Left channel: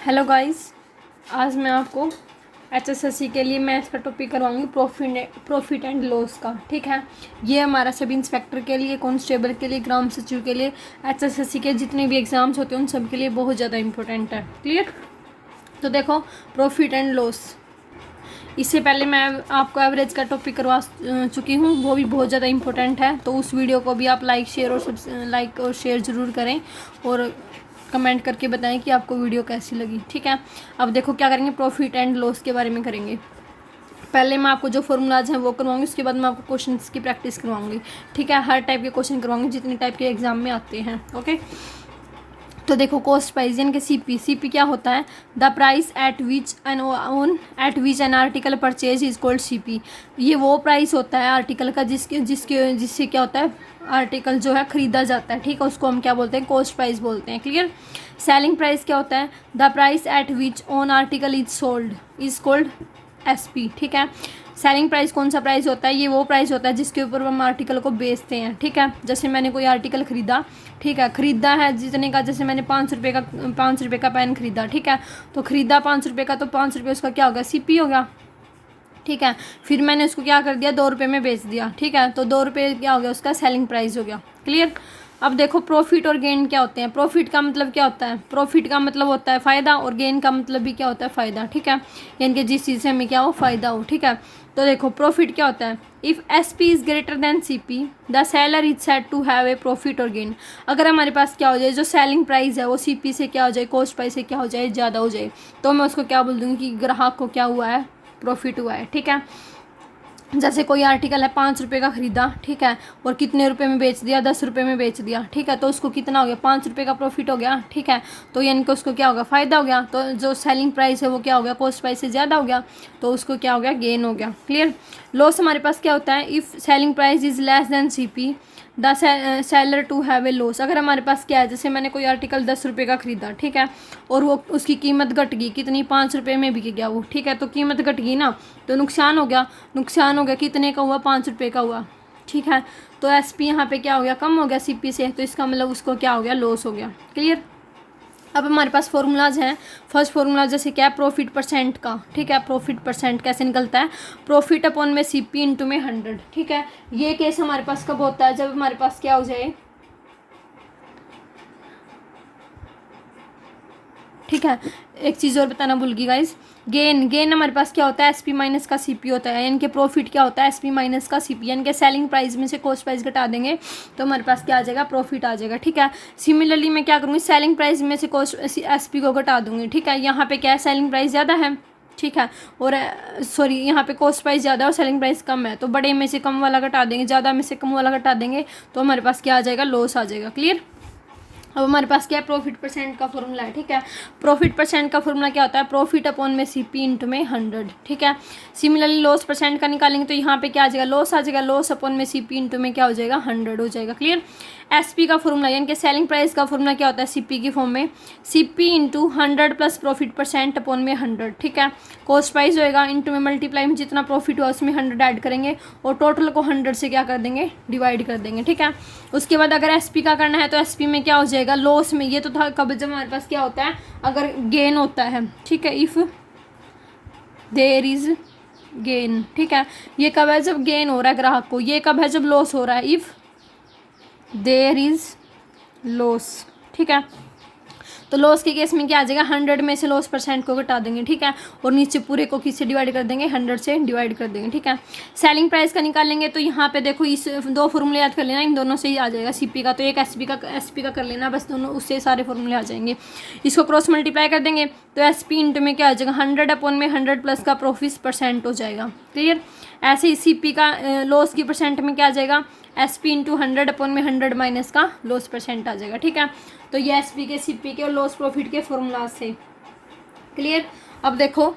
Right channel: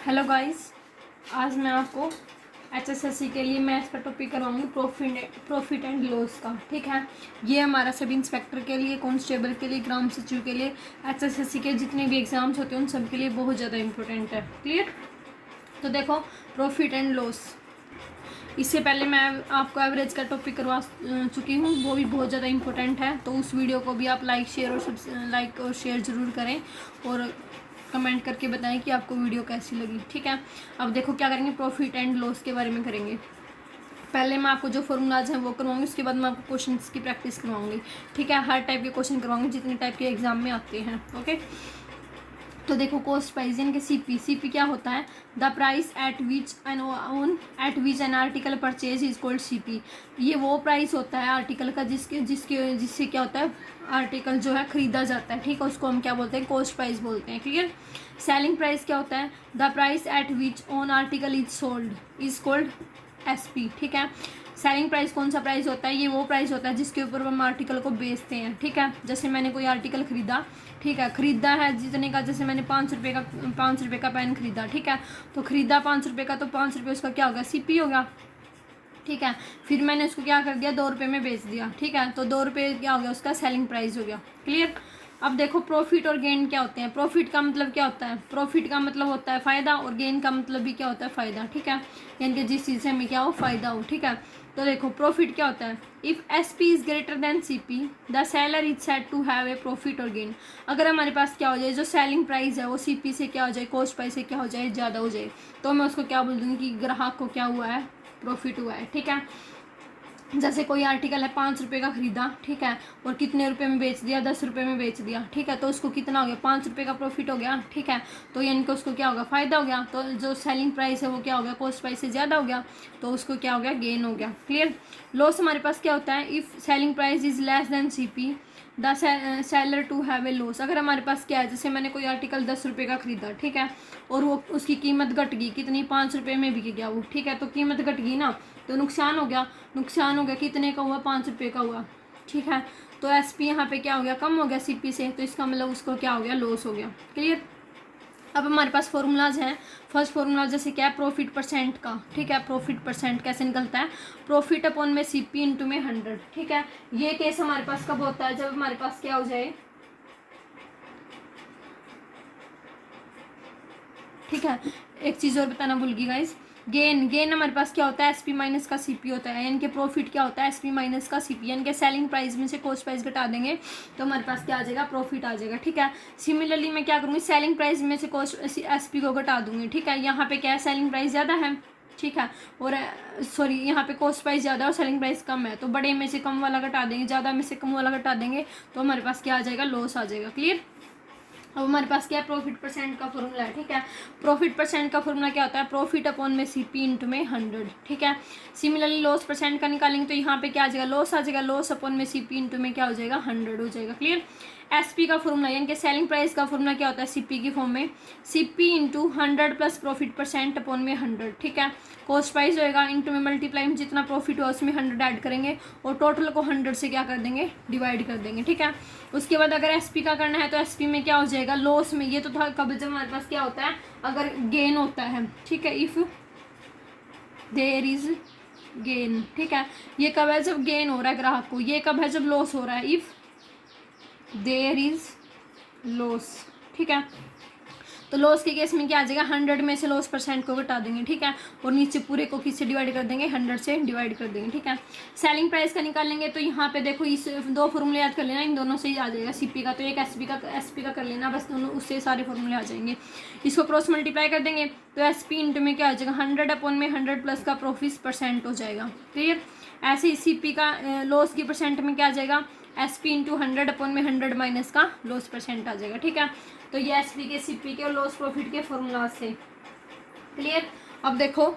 Hello guys, आज मैं आपको एचएसएससी के लिए मैथ्स का टॉपिक करवाऊंगी प्रॉफिट एंड लॉस का। ठीक है, ये हमारा सब इंस्पेक्टर के लिए, कांस्टेबल के लिए, ग्राम सचिव के लिए, एचएसएससी के जितने भी एग्ज़ाम्स होते हैं उन सब के लिए बहुत ज़्यादा इंपॉर्टेंट है। क्लियर? तो देखो, प्रॉफिट एंड लॉस, इससे पहले मैं आपको एवरेज का टॉपिक करवा चुकी हूँ, वो भी बहुत ज़्यादा इंपॉर्टेंट है। तो उस वीडियो को भी आप लाइक और शेयर ज़रूर करें और कमेंट करके बताएं कि आपको वीडियो कैसी लगी। ठीक है, अब देखो क्या करेंगे, प्रॉफिट एंड लॉस के बारे में करेंगे। पहले मैं आपको जो फॉर्मूलाज हैं वो करवाऊंगी, उसके बाद मैं आपको क्वेश्चंस की प्रैक्टिस करवाऊंगी। ठीक है, हर टाइप के क्वेश्चन करवाऊंगी जितने टाइप के एग्जाम में आते हैं। ओके, तो देखो, कॉस्ट प्राइस यानी कि सीपी क्या होता है? The price at which an article purchase is called CP. ये वो प्राइस होता है आर्टिकल का जिससे क्या होता है, आर्टिकल जो है खरीदा जाता है। ठीक है, उसको हम क्या बोलते हैं? कॉस्ट प्राइस बोलते हैं। क्लियर? सेलिंग प्राइस क्या होता है? The price at which on article is called SP. ठीक है, सेलिंग प्राइस कौन सा प्राइस होता है? ये वो प्राइस होता है जिसके ऊपर हम आर्टिकल को बेचते हैं। ठीक है, जैसे मैंने कोई आर्टिकल खरीदा, ठीक है, खरीदा है जितने का, जैसे मैंने 5 रुपये का पेन खरीदा। ठीक है, तो खरीदा 5 रुपये का, तो 5 रुपये उसका क्या हो गया? सीपी हो गया। ठीक है, फिर मैंने उसको क्या कर दिया? 2 रुपये में बेच दिया। ठीक है, तो 2 रुपये क्या हो गया? उसका सेलिंग प्राइस हो गया। क्लियर? अब देखो, प्रॉफिट और गेन क्या होते हैं? प्रॉफिट का मतलब क्या होता है? प्रॉफिट का मतलब होता है फ़ायदा, और गेन का मतलब भी क्या होता है? फ़ायदा। ठीक है, यानी कि जिस चीज़ से हमें क्या हो? फ़ायदा हो। ठीक है, तो देखो, प्रॉफिट क्या होता है? If S P is greater than C P, the seller is said to have a profit और गेन। अगर हमारे पास क्या हो जाए, जो सेलिंग प्राइस है वो सी पी से क्या हो जाए? कॉस्ट प्राइस से क्या हो जाए? ज़्यादा हो जाए, तो मैं उसको क्या बोल दूँगी कि ग्राहक को क्या हुआ है? प्रॉफिट हुआ है। ठीक है, जैसे कोई आर्टिकल है 5 रुपये का खरीदा, ठीक है, और कितने रुपए में बेच दिया? 10 रुपये में बेच दिया। ठीक है, तो उसको कितना हो गया? 5 रुपये का प्रॉफिट हो गया। ठीक है, तो यानी कि उसको क्या होगा? फ़ायदा हो गया। तो जो सेलिंग प्राइस है वो क्या हो गया? कॉस्ट प्राइस से ज़्यादा हो गया, तो उसको क्या हो गया? गेन हो गया। क्लियर? लॉस हमारे पास क्या होता है? If selling price is less than C P, the seller to have a loss. अगर हमारे पास क्या है, जैसे मैंने कोई आर्टिकल 10 रुपये का खरीदा, ठीक है, और वो उसकी कीमत घट गई, कितनी? 5 रुपये में बिक गया वो। ठीक है, तो कीमत घट गई ना, तो नुकसान हो गया। नुकसान हो गया, कितने का हुआ? 5 रुपये का हुआ। ठीक है, तो एस पी यहाँ पे क्या हो गया? कम हो गया सी पी से, तो इसका मतलब उसको क्या हो गया? लॉस हो गया। क्लियर? अब हमारे पास फॉर्मूलाज हैं। फर्स्ट फॉर्मूला जैसे क्या है? प्रॉफिट परसेंट का। ठीक है, प्रॉफिट परसेंट कैसे निकलता है? प्रॉफिट अपॉन में सी पी इंटू में 100। ठीक है, ये केस हमारे पास कब होता है? जब हमारे पास क्या हो जाए, ठीक है, एक चीज़ और बताना भूल गई गाइज, गेन हमारे पास क्या होता है? एसपी माइनस का सीपी होता है, यानी कि प्रॉफिट क्या होता है? एसपी माइनस का सीपी, यानी कि सेलिंग प्राइस में से कॉस्ट प्राइस घटा देंगे तो हमारे पास क्या आ जाएगा? प्रॉफिट आ जाएगा। ठीक है, सिमिलरली मैं क्या करूँगी? सेलिंग प्राइस में से कॉस्ट एसपी को घटा दूंगी। ठीक है, यहाँ पे क्या है? सेलिंग प्राइस ज़्यादा है, ठीक है, और सॉरी, यहाँ पे कॉस्ट प्राइस ज़्यादा और सेलिंग प्राइस कम है, तो बड़े में से कम वाला घटा देंगे, ज़्यादा में से कम वाला घटा देंगे, तो हमारे पास क्या आ जाएगा? लॉस आ जाएगा। क्लियर? अब हमारे पास क्या है? प्रॉफिट परसेंट का फॉर्मूला है। ठीक है, प्रॉफिट परसेंट का फॉर्मूला क्या होता है? प्रॉफिट अपॉन में सीपी इंटू में 100। ठीक है, सिमिलरली लॉस परसेंट का निकालेंगे तो यहाँ पे क्या आ जाएगा? लॉस आ जाएगा। लॉस अपॉन में सीपी इंटू में क्या हो जाएगा? 100 हो जाएगा। क्लियर? एसपी का फॉर्मूला यानी कि सेलिंग प्राइस का फॉर्मूला क्या होता है? सीपी की फॉर्म में CP into 100 plus profit percent upon में 100। ठीक है, कॉस्ट प्राइस होएगा इंटू में मल्टीप्लाई में जितना प्रॉफिट हुआ उसमें 100 ऐड करेंगे और टोटल को 100 से क्या कर देंगे? डिवाइड कर देंगे। ठीक है, उसके बाद अगर एसपी का करना है तो एसपी में क्या हो जाएगा? लॉस में। ये तो था कब, जब हमारे पास क्या होता है? अगर गेन होता है। ठीक है, इफ़ देयर इज गेन। ठीक है, ये कब है? जब गेन हो रहा है ग्राहक को। ये कब है? जब लॉस हो रहा है, इफ़ देयर इज लॉस। ठीक है, तो लॉस के केस में क्या आ जाएगा? 100 में से लॉस परसेंट को घटा देंगे। ठीक है, और नीचे पूरे को किससे डिवाइड कर देंगे? 100 से डिवाइड कर देंगे। ठीक है, सेलिंग प्राइस का निकालेंगे तो यहाँ पे देखो, इस 2 फॉर्मूले याद कर लेना, इन दोनों से ही आ जाएगा। सीपी का तो एक एसपी का कर लेना, बस दोनों उससे सारे फॉर्मूले आ जाएंगे। इसको क्रॉस मल्टीप्लाई कर देंगे तो एसपी इंटू में क्या आ जाएगा? 100 अपॉन में 100 प्लस का प्रॉफिट परसेंट हो जाएगा। क्लियर? ऐसे ही सीपी का लॉस की परसेंट में क्या आ जाएगा? एस पी इंटू 100 अपॉन में 100 माइनस का लॉस परसेंट आ जाएगा। ठीक है, तो ये एस पी के, सी पी के और लॉस प्रॉफिट के फॉर्मूला से। क्लियर? अब देखो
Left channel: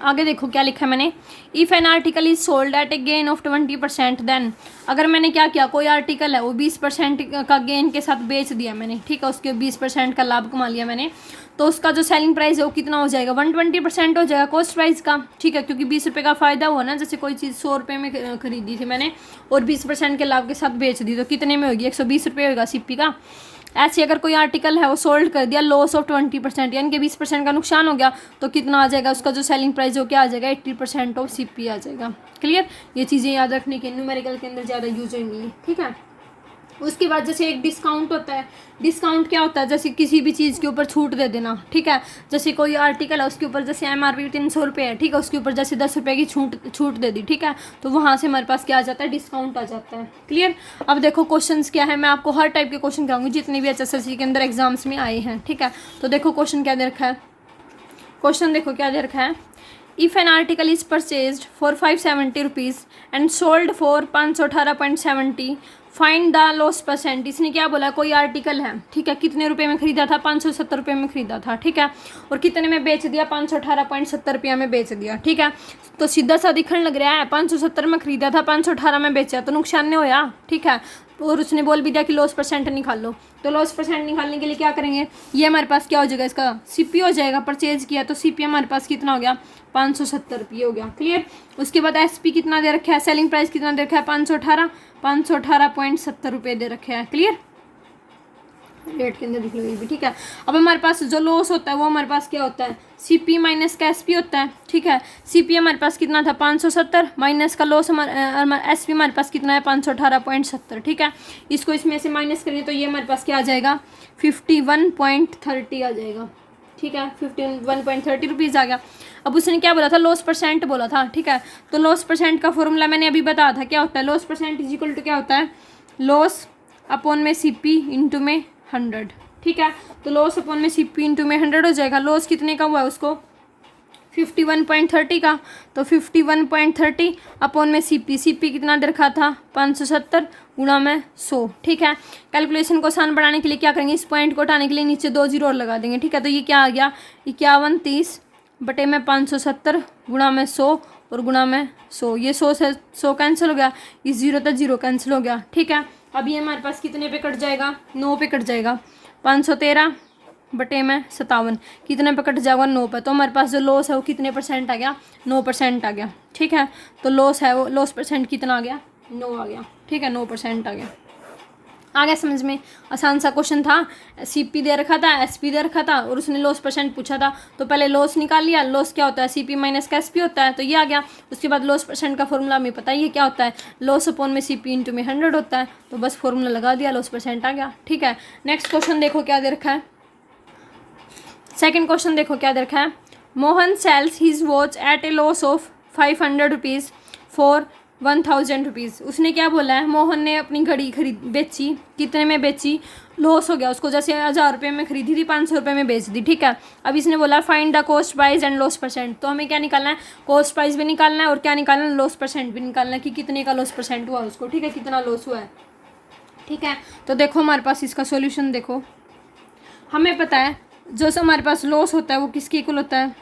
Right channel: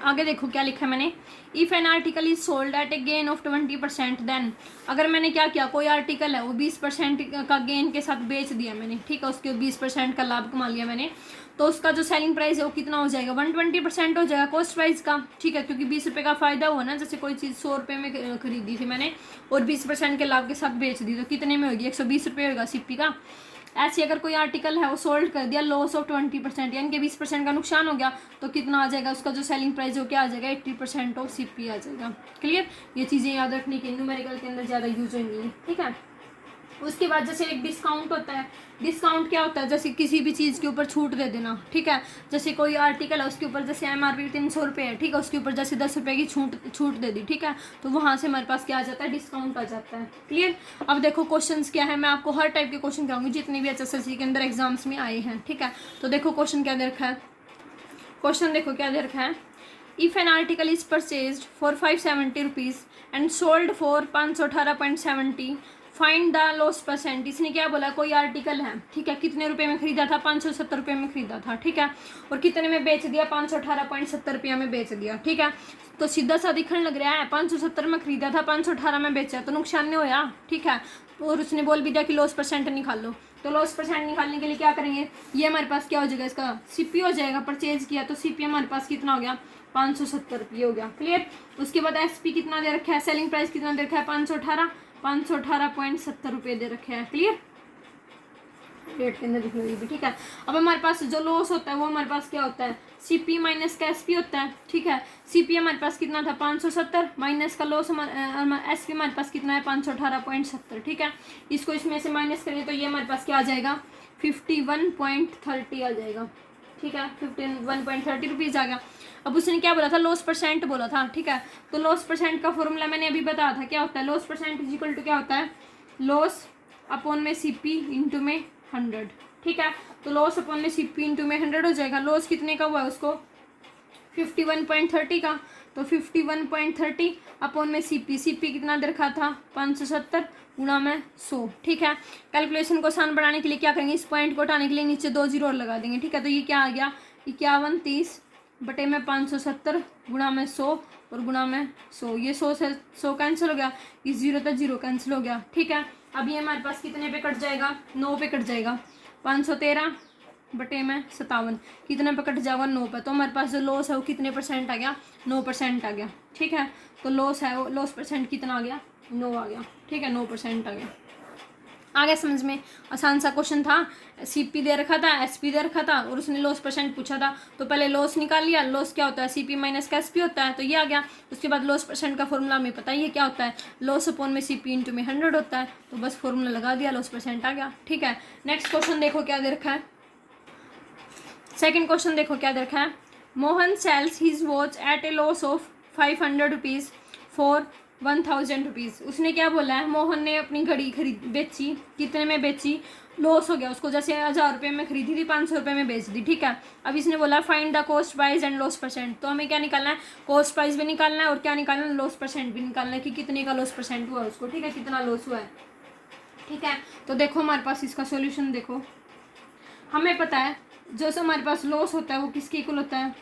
आगे, देखो क्या लिखा है मैंने। If an article is sold at a gain of 20%, then अगर मैंने क्या किया, कोई आर्टिकल है वो 20% का गेन के साथ बेच दिया मैंने, ठीक है, उसके 20% का लाभ कमा लिया मैंने, तो उसका जो सेलिंग प्राइस है वो कितना हो जाएगा? 120% हो जाएगा कॉस्ट प्राइस का। ठीक है, क्योंकि 20 रुपये का फ़ायदा हुआ ना, जैसे कोई चीज़ 100 रुपये में खरीदी थी मैंने और 20% के लाभ के साथ बेच दी, तो कितने में होगी? 120 रुपये होगा सीपी का। ऐसे अगर कोई आर्टिकल है वो सोल्ड कर दिया, लॉस ऑफ 20%, यानी कि 20% का नुकसान हो गया, तो कितना आ जाएगा उसका जो सेलिंग प्राइस हो क्या आ जाएगा, 80% ऑफ CP आ जाएगा। क्लियर, ये चीज़ें याद रखने के न्यूमेरिकल के अंदर ज़्यादा यूज होंगी, ठीक है। उसके बाद जैसे एक डिस्काउंट होता है, डिस्काउंट क्या होता है, जैसे किसी भी चीज़ के ऊपर छूट दे देना, ठीक है। जैसे कोई आर्टिकल है उसके ऊपर जैसे MRP 300 रुपये है, ठीक है, उसके ऊपर जैसे 10 रुपये की छूट दे दी, ठीक है, तो वहाँ से हमारे पास क्या आ जाता है, डिस्काउंट आ जाता है। क्लियर। अब देखो क्वेश्चंस क्या है, मैं आपको हर टाइप के क्वेश्चन कराऊंगी जितने भी HSLC के अंदर एग्जाम्स में आए हैं, ठीक है। तो देखो क्वेश्चन क्या दे रखा है, क्वेश्चन देखो क्या दे रखा है, if an article is purchased for 570 rupees and sold for 518.70, find the loss percent. इसने क्या बोला, कोई आर्टिकल है, ठीक है, कितने रुपए में खरीदा था, 570 रुपये में खरीदा था, ठीक है, और कितने में बेच दिया, 518.70 रुपया में बेच दिया, ठीक है। तो सीधा सा दिखने लग रहा है 570 में खरीदा था, 518 में बेचा, तो नुकसान नहीं होया, ठीक है। और उसने बोल भी दिया कि लॉस परसेंट निकाल लो, तो लॉस परसेंट निकालने के लिए क्या करेंगे, ये हमारे पास क्या हो जाएगा, इसका CP हो जाएगा, परचेज किया तो CP हमारे पास कितना हो गया, 570 रुपये हो गया। क्लियर। उसके बाद SP कितना दे रखा है, सेलिंग प्राइस कितना दे रखा है, 518.70 रुपये दे रखे हैं। क्लियर, रेट के अंदर लिख लो ये भी, ठीक है। अब हमारे पास जो लॉस होता है वो हमारे पास क्या होता है, CP माइनस का SP होता है, ठीक है। CP हमारे पास कितना था, 570, माइनस का लॉस हमारा SP हमारे पास कितना है, 518.70, ठीक है। इसको इसमें से माइनस करेंगे तो ये हमारे पास क्या आ जाएगा, 51.30 आ जाएगा, ठीक है, 51.30 रुपीज़ आ गया। अब उसने क्या बोला था, लॉस परसेंट बोला था, ठीक है। तो लॉस परसेंट का फॉर्मूला मैंने अभी बताया था, क्या होता है, loss percent is equal to क्या होता है, लॉस अपॉन में CP इंटू में 100, ठीक है। तो लॉस अपॉन में CP इंटू में 100 हो जाएगा। लॉस कितने का हुआ उसको, 51.30 का, तो 51.30 अपॉन में CP कितना दे रखा था, 570 गुणा में 100, ठीक है। कैलकुलेशन को आसान बढ़ाने के लिए क्या करेंगे, इस पॉइंट को हटाने के लिए नीचे 2 जीरो और लगा देंगे, ठीक है। तो ये क्या आ गया, 5130 बटे में 570 गुणा में 100 और गुणा में 100, ये 100 से 100 कैंसिल हो गया, इस 0 तक 0 कैंसिल हो गया, ठीक है। अब ये हमारे पास कितने पे कट जाएगा, 9 पे कट जाएगा, 513 बटे में 57 कितने पे कट जाएगा, 9 पे। तो हमारे पास जो लॉस है वो कितने परसेंट आ गया, 9% आ गया, ठीक है। तो लॉस है वो, लॉस परसेंट कितना आ गया, 9 आ गया, ठीक है, 9% आ गया। आ गया समझ में, आसान सा क्वेश्चन था। CP दे रखा था, SP दे रखा था और उसने लॉस परसेंट पूछा था, तो पहले लॉस निकाल लिया, लॉस क्या होता है, CP माइनस का SP होता है, तो ये आ गया। उसके बाद लॉस परसेंट का फॉर्मूला हमें पता ही है क्या होता है, लॉस अपॉन में CP इंटू में 100 होता है, तो बस फॉर्मूला लगा दिया, लॉस परसेंट आ गया, ठीक है। नेक्स्ट क्वेश्चन देखो क्या दे रखा है, सेकेंड क्वेश्चन देखो क्या दे रखा है, Mohan sells his watch at a loss of 500 rupees for 1000 rupees. उसने क्या बोला है, मोहन ने अपनी घड़ी बेची, कितने में बेची, लॉस हो गया उसको, जैसे 1000 रुपये में खरीदी थी, 500 रुपये में बेच दी, ठीक है। अब इसने बोला find the cost price and loss percent, तो हमें क्या निकालना है, कॉस्ट प्राइस भी निकालना है और क्या निकालना है, लॉस परसेंट भी निकालना है कि कितने का लॉस परसेंट हुआ उसको, ठीक है, कितना लॉस हुआ है, ठीक है। तो देखो हमारे पास इसका सोल्यूशन देखो, हमें पता है जो हमारे पास लॉस होता है वो किसके इक्वल होता है,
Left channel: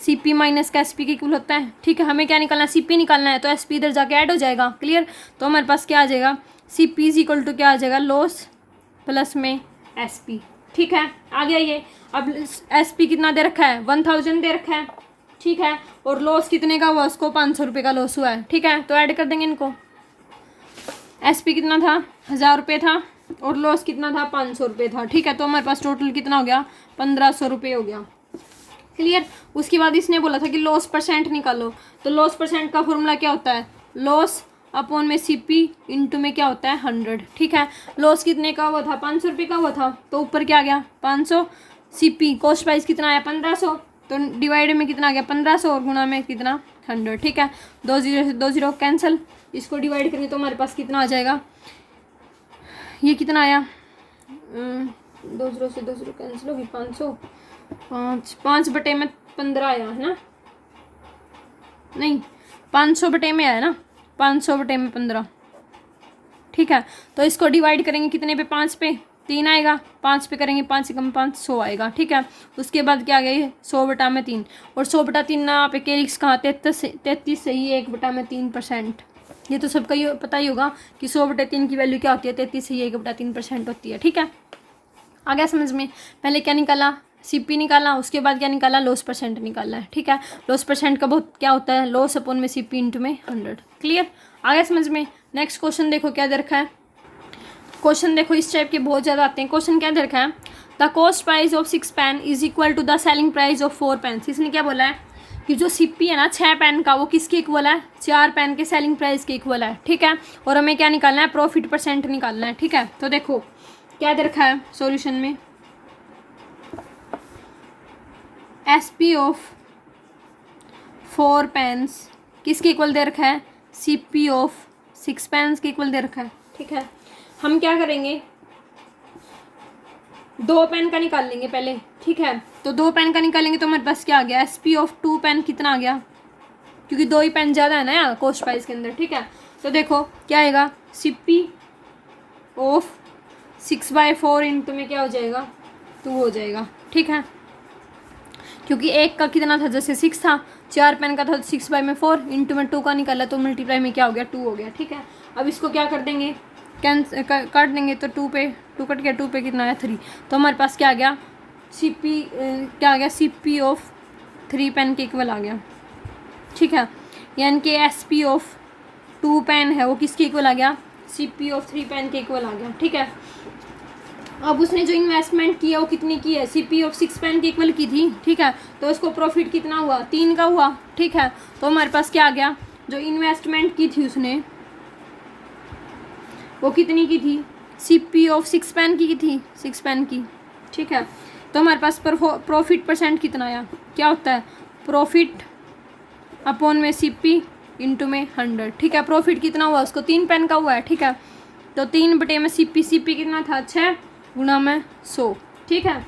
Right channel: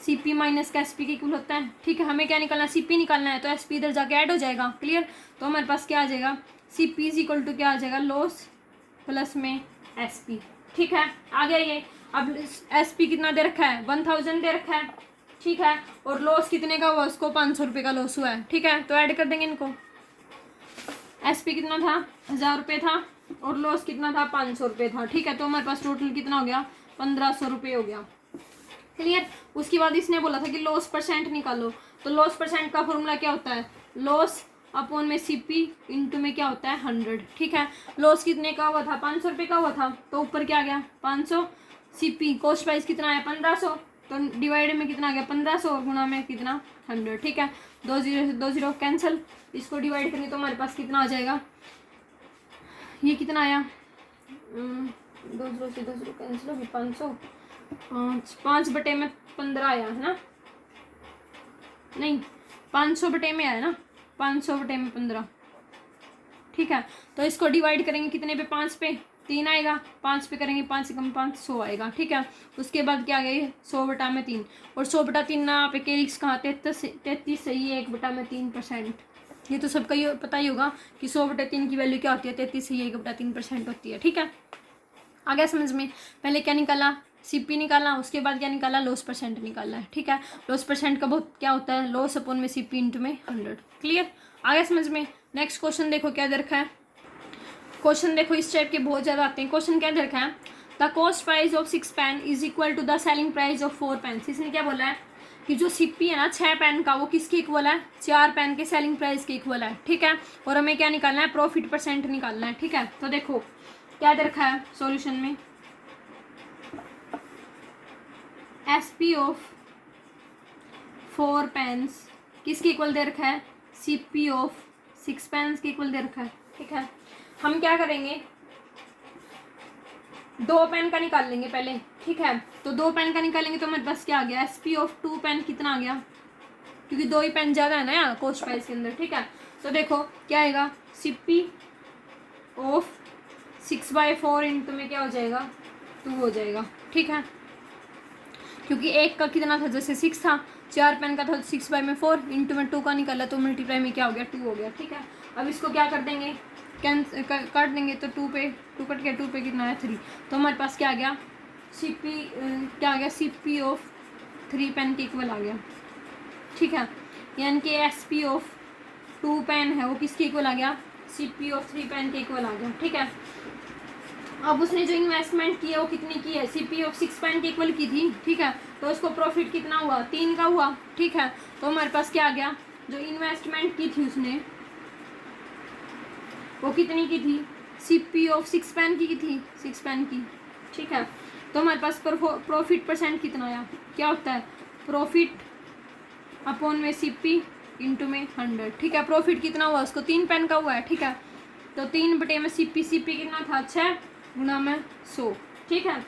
CP माइनस का SP के इक्वल होता है, ठीक है। हमें क्या निकालना है, CP निकालना है, तो SP इधर जाके ऐड हो जाएगा। क्लियर। तो हमारे पास क्या आ जाएगा, CP इज इक्वल टू क्या आ जाएगा, लॉस प्लस में SP, ठीक है, आ गया ये। अब SP कितना दे रखा है, 1000 दे रखा है, ठीक है, और लॉस कितने का हुआ उसको, 500 रुपये का लॉस हुआ है, ठीक है। तो ऐड कर देंगे इनको, SP कितना था, 1000 रुपये था और लॉस कितना था, 500 रुपये था, ठीक है। तो हमारे पास टोटल कितना हो गया, 1500 रुपये हो गया। क्लियर। उसके बाद इसने बोला था कि लॉस परसेंट निकालो, तो लॉस परसेंट का फॉर्मूला क्या होता है, लॉस अपॉन में CP इंटू में क्या होता है, 100, ठीक है। लॉस कितने का हुआ था, 500 रुपये का हुआ था, तो ऊपर क्या आ गया, 500, CP कॉस्ट प्राइस कितना आया, 1500, तो डिवाइड में कितना आ गया, 1500 और गुणा में कितना, 100, ठीक है। 2 जीरो से 2 जीरो कैंसिल, इसको डिवाइड करेंगे तो हमारे पास कितना आ जाएगा, ये कितना आया, 2 जीरो से 2 जीरो कैंसिल होगी, 500, 5 बटे में 15 आया है ना, नहीं 500 बटे में आया ना, 500 बटे में 15, ठीक है। तो इसको डिवाइड करेंगे कितने पे, 5 पे, 3 आएगा, 5 पे करेंगे 5 कम 5 100 आएगा, ठीक है। उसके बाद क्या आ गया, 100 बटा में 3, और 100 बटा 3 ना पे के लिक्स कहाँ, 33 सही है, 1 बटा में 3%, ये तो सबका ही पता ही होगा कि 100 बटे 3 की वैल्यू क्या होती है, 33 सही 1 बटा 3% होती है, ठीक है। आ गया समझ में, पहले क्या निकाला, CP निकाला, उसके बाद क्या निकाला, लॉस परसेंट निकालना है, ठीक है। लॉस परसेंट का बहुत क्या होता है, लॉस अपॉन में CP इंटू में 100। क्लियर, आ गया समझ में। नेक्स्ट क्वेश्चन देखो क्या दे रखा है, क्वेश्चन देखो इस टाइप के बहुत ज़्यादा आते हैं। क्वेश्चन क्या दे रखा है, the cost price of 6 pen is equal to the selling price of 4 pen. इसने क्या बोला है कि जो सीपी है ना 6 पेन का वो किसके इक्वल है, 4 पेन के सेलिंग प्राइस के इक्वल है, ठीक है। और हमें क्या निकालना है, प्रॉफिट परसेंट निकालना है, ठीक है। तो देखो क्या दे रखा है सॉल्यूशन में, एसपी ऑफ 4 पेन्स किसके इक्वल दे रखा है, सीपी ऑफ 6 पेन्स के इक्वल दे रखा है, ठीक है। हम क्या करेंगे, 2 पेन का निकाल लेंगे पहले, ठीक है। तो 2 पेन का निकालेंगे तो हमारे पास क्या आ गया, एसपी ऑफ 2 पेन कितना आ गया, क्योंकि 2 ही पेन ज़्यादा है ना यार कॉस्ट प्राइस के अंदर, ठीक है। तो देखो क्या आएगा, सीपी ऑफ 6/4 इंटू में क्या हो जाएगा, 2 हो जाएगा, ठीक है। क्योंकि एक का कितना था, जैसे 6 था, 4 पेन का था, 6/4 इंटू में 2 का निकाला तो मल्टीप्लाई में क्या हो गया, 2 हो गया, ठीक है। अब इसको क्या कर देंगे, काट देंगे तो 2 पे 2 कट गया, 2 पे कितना आया 3। तो हमारे पास क्या आ गया, सीपी क्या आ गया, सीपी ऑफ 3 पेन के इक्वल आ गया, ठीक है। यानी कि एसपी ऑफ 2 पेन है वो किसके इक्वल आ गया, सीपी ऑफ 3 पेन के इक्वल आ गया, ठीक है। अब उसने जो इन्वेस्टमेंट किया वो कितनी की है, सीपी ऑफ 6 पेन के इक्वल की थी, ठीक है। तो उसको प्रॉफिट कितना हुआ, 3 का हुआ, ठीक है। तो हमारे पास क्या आ गया, जो इन्वेस्टमेंट की थी उसने वो कितनी की थी, सीपी ऑफ 6 पेन की थी, 6 पेन की, ठीक है। तो हमारे पास प्रॉफिट परसेंट कितना आया, क्या होता है, प्रॉफिट अपॉन में सीपी इंटू में 100, ठीक है। प्रॉफिट कितना हुआ उसको, 3 पेन का हुआ है, ठीक है। तो 3 बटे में सीपी, सीपी कितना था, 6 गुणा में 100, ठीक है।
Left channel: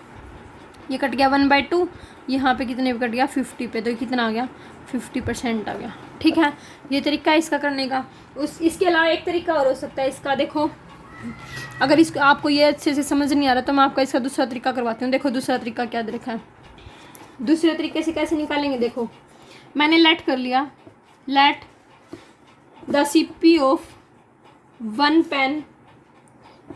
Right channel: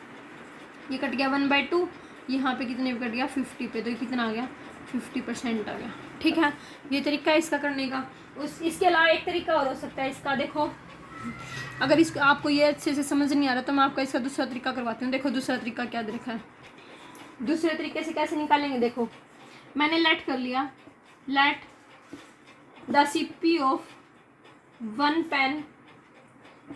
ये कट गया 1/2, यहाँ पे कितने पे कट गया, 50 पे, तो कितना आ गया, 50% आ गया, ठीक है। ये तरीका है इसका करने का। इसके अलावा एक तरीका और हो सकता है इसका, देखो अगर इसको आपको ये अच्छे से समझ नहीं आ रहा तो मैं आपका इसका दूसरा तरीका करवाती हूँ। देखो दूसरा तरीका क्या दे रखा है, दूसरे तरीके से कैसे निकालेंगे, देखो मैंने लेट कर लिया, let the CP of 1 pen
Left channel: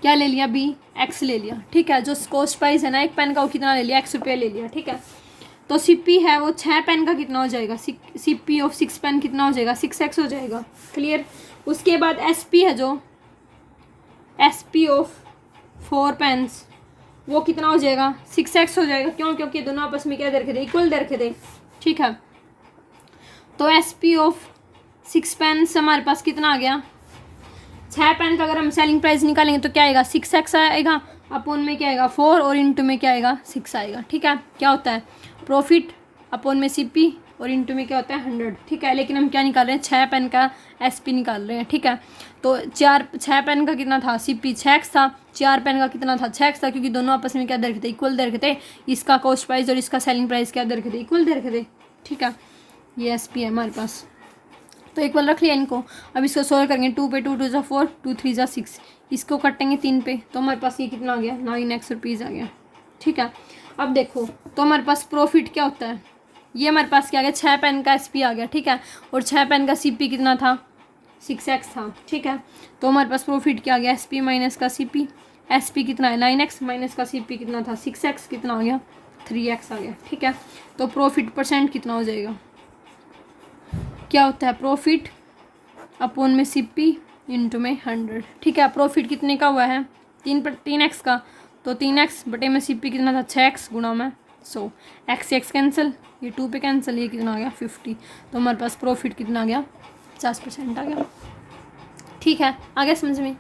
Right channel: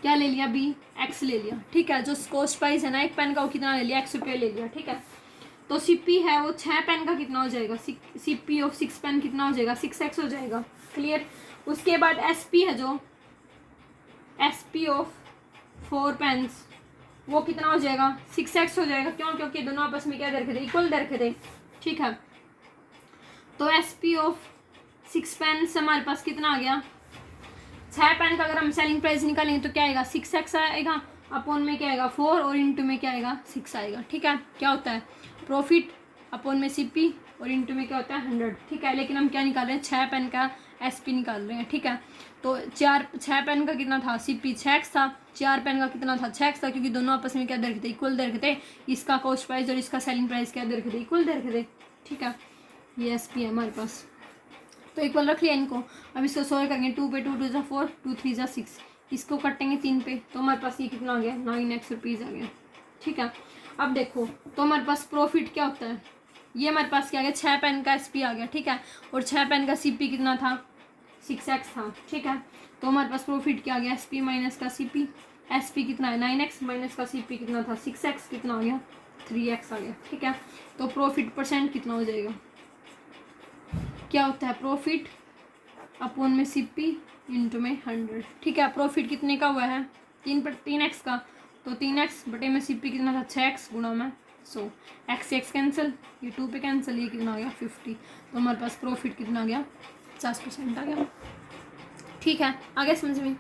क्या ले लिया, बी एक्स ले लिया, ठीक है। जो कॉस्ट प्राइस है ना 1 पेन का वो कितना ले लिया, X रुपया ले लिया, ठीक है। तो सीपी है वो 6 पेन का कितना हो जाएगा, सीपी ऑफ 6 पेन कितना हो जाएगा, 6x हो जाएगा, क्लियर। उसके बाद एसपी है जो एसपी ऑफ 4 पेन्स वो कितना हो जाएगा, 6x हो जाएगा, क्यों, क्योंकि दोनों आपस में क्या दे रखे थे, इक्वल दे रखे थे, ठीक है। तो एसपी ऑफ 6 पेन्स हमारे पास कितना आ गया, 6 पेन का अगर हम सेलिंग प्राइस निकालेंगे तो क्या आएगा, 6x आएगा, अपोन में क्या आएगा 4 और इंटू में क्या आएगा 6 आएगा, ठीक है। क्या होता है, प्रॉफिट अपोन में सीपी और इंटू में क्या होता है 100, ठीक है। लेकिन हम क्या निकाल रहे हैं, 6 पेन का एसपी निकाल रहे हैं, ठीक है। तो 6 पेन का कितना था, सीपी 6x था, 4 पेन का कितना था, 6x था, क्योंकि दोनों आपस में क्या दे रखे थे, इक्वल दे रखे थे। इसका कॉस्ट प्राइस और इसका सेलिंग प्राइस क्या दे रखे थे, इक्वल दे रखे थे, ठीक है। ये एसपी है हमारे पास, तो इक्वल रख लिया इनको। अब इसको सोल्व करेंगे, 2 पे 2 2 जा 4, 2 3 जा 6, इसको कटेंगे 3 पे, तो हमारे पास ये कितना आ गया, 9x रुपीज़ आ गया, ठीक है। अब देखो तो हमारे पास प्रॉफिट क्या होता है, ये हमारे पास क्या आ गया, 6 पेन का एसपी आ गया, ठीक है। और 6 पेन का सीपी कितना था, 6x था, ठीक है। तो हमारे पास प्रॉफिट क्या आ गया, एसपी माइनस का सीपी, एसपी कितना है 9x माइनस का सीपी कितना था 6x, कितना हो गया 3x आ गया, ठीक है। तो प्रॉफिट परसेंट कितना हो जाएगा, क्या होता है, प्रॉफिट अपोन में सीपी इंटू में 100, ठीक है। प्रॉफिट कितने का हुआ है, 3x का, तो 3x बटे में सीपी कितना था 6x गुणा में 100, x से x कैंसिल, ये 2 पे कैंसिल, ये कितना आ गया 50। तो हमारे पास प्रॉफिट कितना आ गया 50% आ गया, ठीक है। आगे समझ में,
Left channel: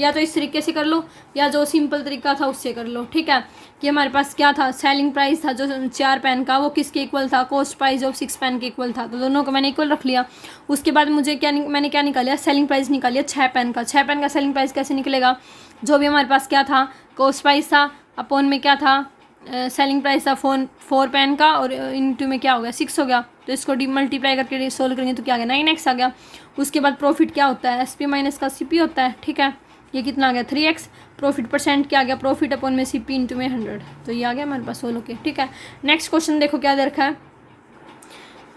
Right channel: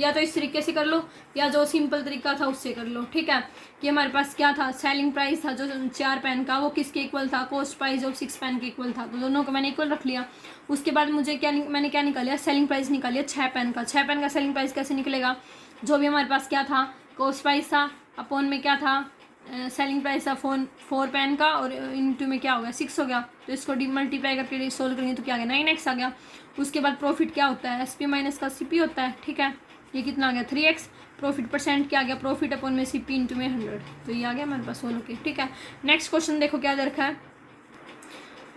या तो इस तरीके से कर लो या जो सिंपल तरीका था उससे कर लो, ठीक है। कि हमारे पास क्या था, सेलिंग प्राइस था जो 4 पेन का वो किसके इक्वल था, कॉस्ट प्राइस ऑफ 6 पेन के इक्वल था, तो दोनों को मैंने इक्वल रख लिया। उसके बाद मुझे मैंने क्या निकाला, सेलिंग प्राइस निकालिया 6 पेन का। 6 पेन का सेलिंग प्राइस कैसे निकलेगा, जो भी हमारे पास क्या था, कॉस्ट प्राइस था, अपोन में क्या था, सेलिंग प्राइस था 4 पेन का, और इंटू में क्या हो गया 6 हो गया। तो इसको मल्टीप्लाई करके सोल्व करेंगे तो क्या आ गया 9x आ गया। उसके बाद प्रॉफिट क्या होता है, एसपी माइनस का सीपी होता है, ठीक है। ये कितना आ गया 3x। प्रॉफिट परसेंट क्या आ गया, प्रॉफिट अपॉन में सीपी इंटू में 100, तो ये आ गया हमारे पास सोल्व के, ठीक है। नेक्स्ट क्वेश्चन देखो क्या दे रखा है,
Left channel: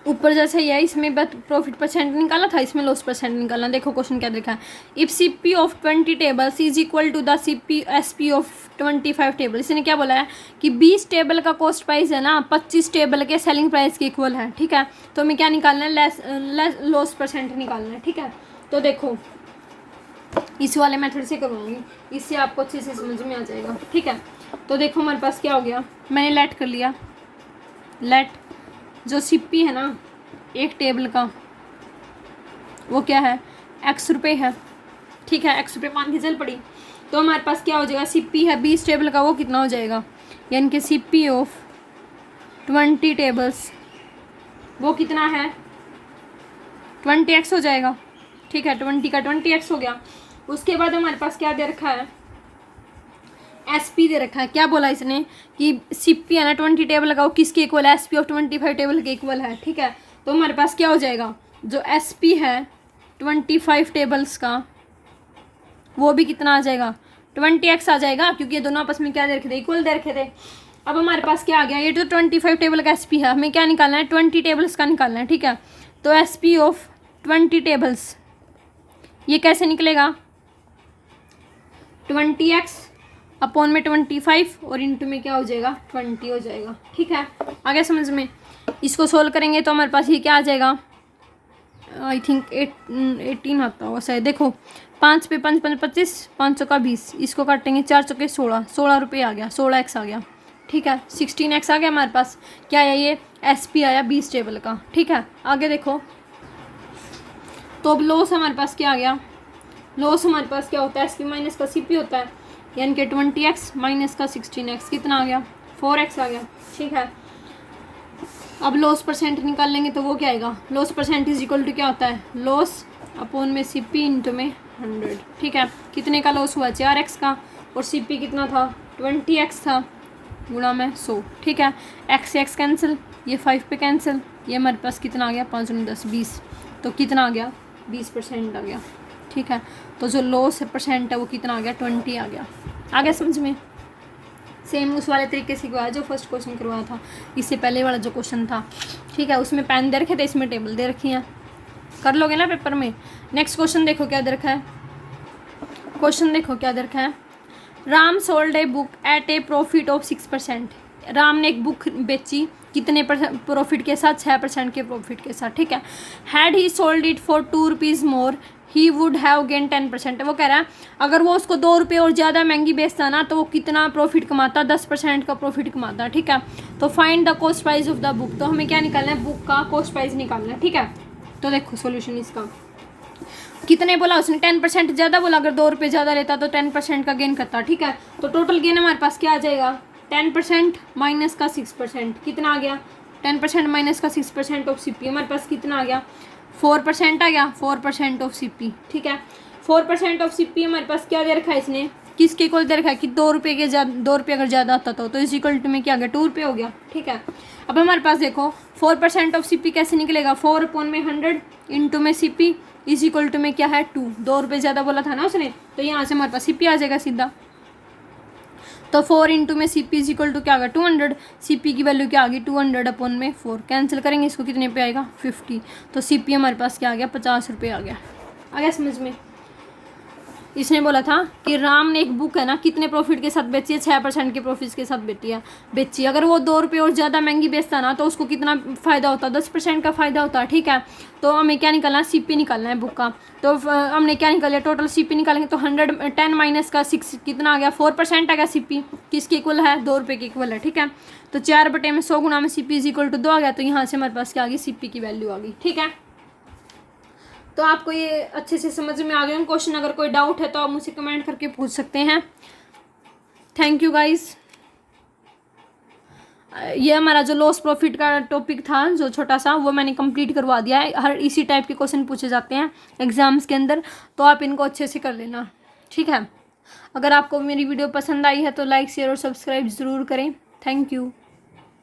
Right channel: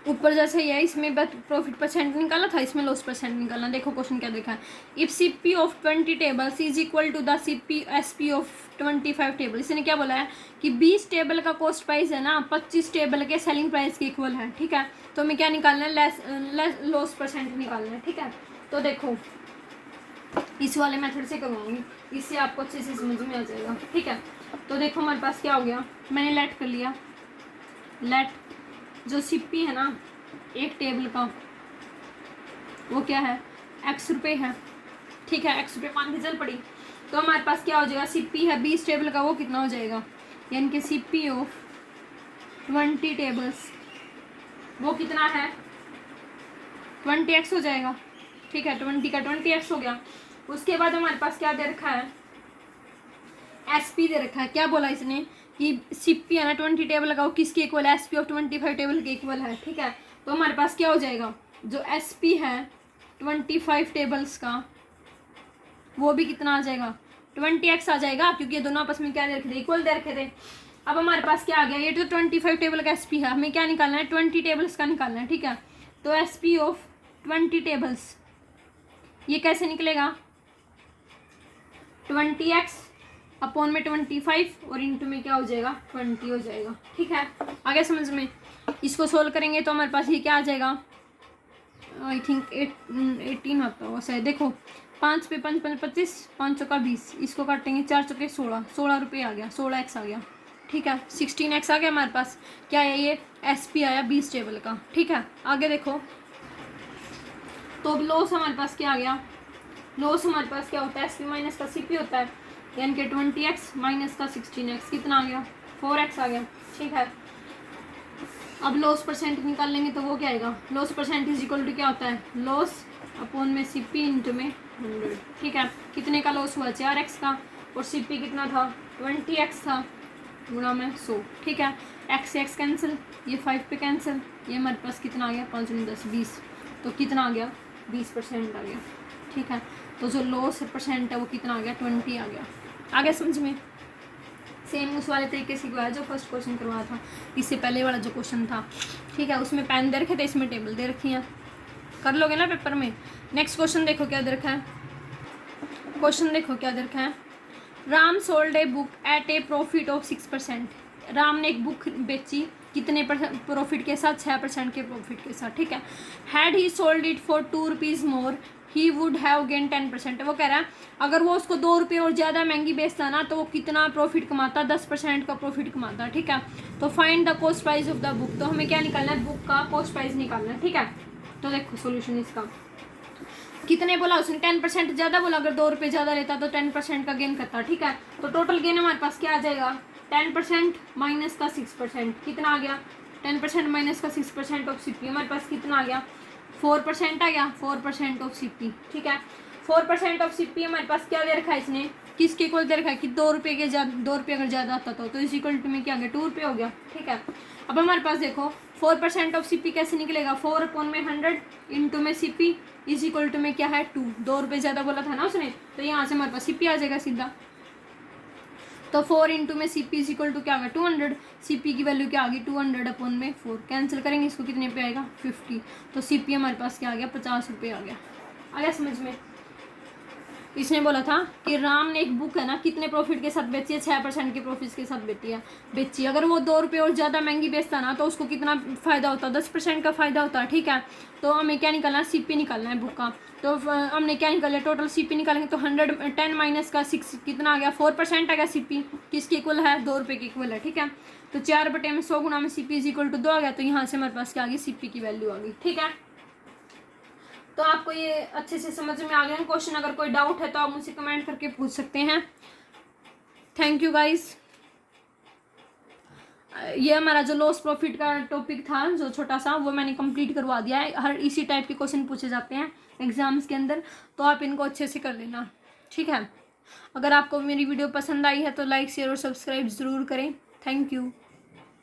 ऊपर जैसे ही है इसमें प्रॉफिट परसेंट निकाला था, इसमें लॉस परसेंट निकालना। देखो क्वेश्चन क्या देखा है, if CP of 20 tables is equal to the CP SP of 25 table. इसने क्या बोला है कि 20 टेबल का कॉस्ट प्राइस है ना 25 टेबल के सेलिंग प्राइस के इक्वल है, ठीक है। तो हमें क्या निकालना है, लॉस परसेंट निकालना है, ठीक है। तो देखो इस वाले मेथड से करवाऊंगी, इससे आपको अच्छे से समझ में आ जाएगा। ठीक है, तो देखो हमारे पास क्या हो गया, मैंने लेट कर लिया। लेट जो सीपी है ना एक टेबल का, वो क्या है, एक्स रुपये है। ठीक है, एक्स रुपये मान के चल पड़ी। तो हमारे पास क्या हो जाएगा, सीपी है 20 टेबल का, वो कितना हो जाएगा, यानी कि सीपी ऑफ 20 टेबल्स वो कितना है, 20x हो जाएगा। ठीक है, 20 का 20x हो गया। उसके बाद हमारे पास क्या दे रखा है, एसपी दे रखा है। क्या बोला इसने कि सीपी है ना 20 टेबल का, वो किसके इक्वल है, एसपी ऑफ 25 टेबल के इक्वल है। ठीक है, तो हमारे पास क्या हो जाएगा, जो एसपी है 25 टेबल्स का, वो भी कितना आ जाएगा, 20x आ जाएगा, क्योंकि ये दोनों आपस में क्या दे रखे थे, इक्वल दे रखे थे। अब हमारे पास क्या आ गया, ये तो 25 टेबल का एसपी है, हमें क्या निकालना है, 20 टेबल्स का निकालना है। ठीक है, तो एसपी ऑफ 20 टेबल्स ये कैसे निकलेगा, 20x अपॉन में 25 और इंटू में क्या हो जाएगा, 20 हो जाएगा। ठीक है, आगे समझ में। इसको सोल्व करेंगे तो हमारे पास ये क्या आ जाएगा, आई थिंक 18 आता होगा शायद। देखो 5 पे 5 5 25, 500 का 20, इसको काटेंगे 4 चौके 16, 16 रुपये आ गया, 16x आ गया। ठीक है, 16x आ गया हमारे पास। क्या है ये, एसपी आया 20 टेबल का। ठीक है, आगे देखो, तो अब लॉस हमारे पास क्या आ गया, लॉस हमारे पास क्या होता है, एसपी माइनस का सीपी होता है, यानी कि 20x माइनस का 16x कितना आ गया, 4x आ गया। ठीक है, अब लॉस परसेंट निकाल लेंगे तो वो क्या आएगा, loss percent is equal to क्या होता है, लॉस अपॉन में सीपी इंटू में 100। ठीक है, कितने का लॉस हुआ, 4x का, और सीपी कितना था, 20x था, गुणा में 100। ठीक है, x से x कैंसिल, ये 5 पे कैंसिल, ये हमारे पास कितना आ गया, 5 9 10 20, तो कितना आ गया, 20% आ गया। ठीक है, तो जो लॉस परसेंट है वो कितना आ गया, 20 आ गया। आगे समझ में। सेम उस वाले तरीके से करवाया जो फर्स्ट क्वेश्चन करवाया था, इससे पहले वाला जो क्वेश्चन था। ठीक है, उसमें पेन दे रखे थे, इसमें टेबल दे रखी है, कर लोगे ना पेपर में। नेक्स्ट क्वेश्चन देखो क्या दे रखा है, क्वेश्चन देखो क्या दे रखा है, Ram sold a book at a profit of 6%। Ram ने एक बुक बेची कितने प्रॉफिट के साथ, 6% के प्रॉफिट के साथ। ठीक है, had he sold it for 2 rupees more he would have gain 10%। वो कह रहा है अगर वो उसको 2 रुपये और ज़्यादा महंगी बेचता ना तो वो कितना प्रॉफिट कमाता, 10% का प्रॉफिट कमाता। ठीक है, तो find the cost price of the book, तो हमें क्या निकालना है, बुक का कॉस्ट प्राइस निकालना है। ठीक है, तो देखो सोल्यूशन इसका, कितने बोला उसने, 10% ज़्यादा बोला, अगर 2 रुपये ज़्यादा लेता तो 10% का गेन करता। ठीक है, तो टोटल गेन हमारे पास क्या आ जाएगा, 10% माइनस का 6%, कितना आ गया, 10% माइनस का 6% ऑफ सीपी, हमारे पास कितना आ गया, 4% आ गया, 4% ऑफ सीपी। ठीक है, 4% ऑफ सीपी हमारे पास क्या दे रखा है इसने, किसके इक्वल दे रखा है कि 2 रुपये के 2 रुपये अगर ज़्यादा आता तो इस इक्वल टू में क्या आ गया, 2 रुपये हो गया। ठीक है, अब हमारे पास देखो 4% ऑफ सीपी कैसे निकलेगा, 4 अपॉन में 100 इंटू में सीपी इज इक्वल टू में क्या है 2, 2 रुपये ज़्यादा बोला था ना उसने, तो यहाँ से हमारे पास सीपी आ जाएगा सीधा। तो 4 इंटू में सीपी इज इक्वल टू क्या आ गया, 200, सीपी की वैल्यू क्या आ गई, 200 अपॉन में 4, कैंसिल करेंगे इसको, कितने पे आएगा, 50। तो सीपी हमारे पास क्या आ गया, 50 रुपये आ गया समझ में। इसने बोला था कि राम ने एक बुक है ना कितने प्रॉफिट के साथ बेची है, 6% के प्रॉफिट के साथ बेची। अगर वो 2 रुपये और ज़्यादा महंगी बेचता ना तो उसको कितना फ़ायदा होता, 10% का फ़ायदा होता। ठीक है, तो हमें क्या निकालना है, सीपी निकालना है बुक का। तो हमने क्या निकाला, टोटल सीपी निकालेंगे तो 110 माइनस का 6 कितना आ गया, 4% आ गया। सीपी किसके इक्वल है, 2 रुपये के इक्वल है। ठीक है, तो 4 बटे में 100 गुना में सीपी इज इक्वल टू 2 आ गया, तो यहाँ से हमारे पास क्या आ गई, सीपी की वैल्यू आ गई। ठीक है, तो आपको ये अच्छे से समझ में आ गए क्वेश्चन। अगर कोई डाउट है तो आप मुझसे कमेंट करके पूछ सकते हैं। Thank you guys. ये हमारा जो लॉस प्रॉफिट का टॉपिक था जो छोटा सा, वो मैंने कंप्लीट करवा दिया है। हर इसी टाइप के क्वेश्चन पूछे जाते हैं एग्जाम्स के अंदर, तो आप इनको अच्छे से कर लेना। ठीक है, अगर आपको मेरी वीडियो पसंद आई है तो लाइक शेयर और सब्सक्राइब ज़रूर करें। Thank you.